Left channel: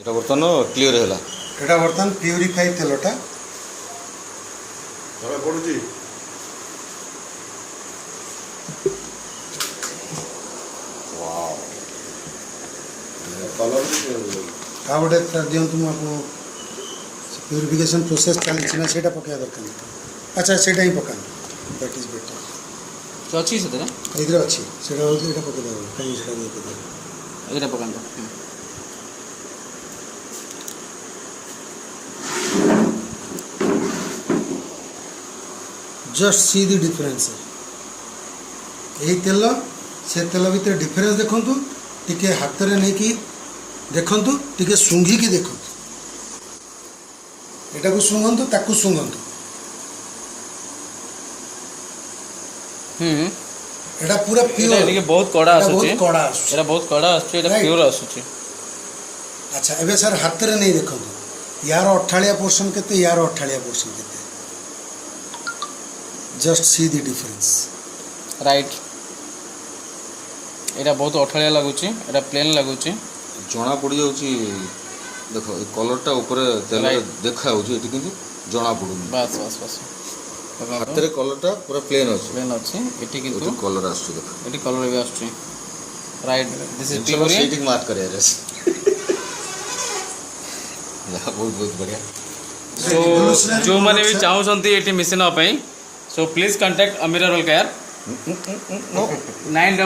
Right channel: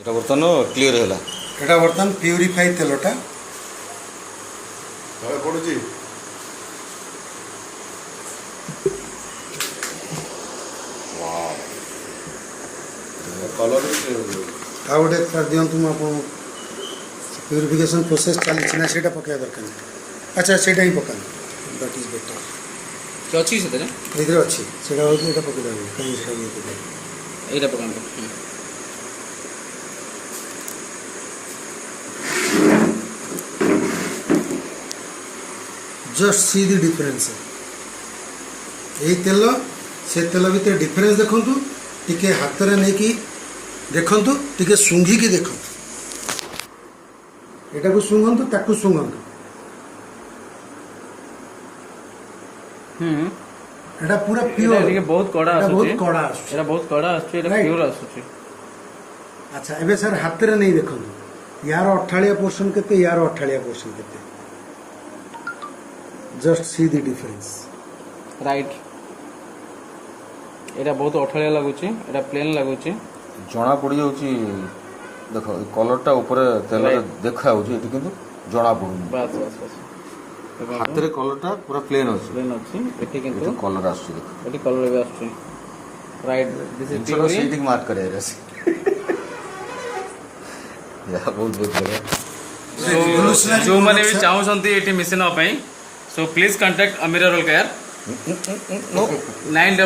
এটা বর্তমান ক্লিয়ার হলা এটা বর্তমান পিউরিফাই তেলটা পড়ুছি କଲର୍ ବି ଆଉ ଗୋଟେ କରିଦିଅନ୍ତୁ ମୁଁ ଆପଣ ପ୍ୟୁରିଫିକେସନ୍ ପ୍ରୋସେସ୍ ଚାଲିଛି ନା ସେଇଟା ପକାଇବା ଦରକାର ନାହିଁ। ଆଚ୍ଛା ସେଇଟା ହିଁ ପକାନ୍ତୁ, ଦ୍ୟାଟ୍ ଇଜ୍ ବେଟର୍। ଅଛି ସେଥିରେ ଏଇଥିରେ ଅଛି, ସେଇଟା ହେଉଛି ଏଇଟା ପକାଇଦେବ, କାହିଁକି ସେଇଟା ଇଏ କରିଦେବ। ଏଇଟା ପକାନ୍ତୁ। ଜଷ୍ଟ ସି ଦି ଡିଫରେନ୍ସ। ଏଇ ତେଲ ସେ ତେଲ ଭିତରେ ଡିଫରେନ୍ସ ଦେଖନ୍ତୁ, ଟିକେ ହାତରେ ନେଇକି ଦେଖନ୍ତୁ, ଟିକେ ଶୁଙ୍ଘିକି ଦେଖନ୍ତୁ, ଏଟାକୁ ଶୁଙ୍ଘନ୍ତୁ ତାକୁ ଶୁଙ୍ଘନ୍ତୁ। এটা পুরো পিওর, এটা বহুত কড়া এটা আসুଛି, ବହୁତ କଡ଼ା ଆସୁଛି। এটা ବହୁତ କড়ା আসୁଛି, এটা Right. ପିଓର আসୁଛି। ଆଚ୍ଛା ଏବେ ସାର୍ ହାତରେ ନେଇ ଦେଖନ୍ତୁ, ୟାର ଅଠାଳିଆ ପୋର୍ସନ୍ କେତେ, ୟାର ଅଠାଳିଆ ପୋର୍ସନ୍ କେତେ। ଜଷ୍ଟ ସି ଦି ଡିଫରେନ୍ସ। ରାଇଟ୍, এটা ବହୁତ ଅଠାଳିଆ ଲାଗୁଛି, এটা ପ୍ଲେନ୍ ଲାଗୁଛି। ଜଣା ପଡ଼ିଯାଉଛି। ଦେଖ ଏ କଲର୍ଟା ଉପରେ ତେଲରେ ଦେଖାଯାଉଛି, ଏଠି କିନ୍ତୁ ଜଣା ପଡ଼ୁନି। ବାସ୍ ବାସ୍ ବାସ୍, ହାତରେ କଲର୍ଟା ପୁରା ପ୍ଲେନ୍ ଅଛି, ପ୍ଲେନ୍ ଅଛି, ଏଠି କିନ୍ତୁ ଏଠି କଲର୍ ଆସୁଛି। ଦେଖ ଏଠି କଲର୍ ବି ଆସୁଛି। ରାଇଟ୍, ଦିସ୍ ଇଜ୍ ଜିନିଷଟା ସେଇଠିକି ମାର୍କ କରିବାର ଅଛି। ଯାହା ବହୁତ ବହୁତ ବଢ଼ିଆ। ଯେଉଁମାନେ ବି ଚାହୁଁଛନ୍ତି ଏଠି ମିଶିବା ପାଇଁ, so please contact Amir roll care 9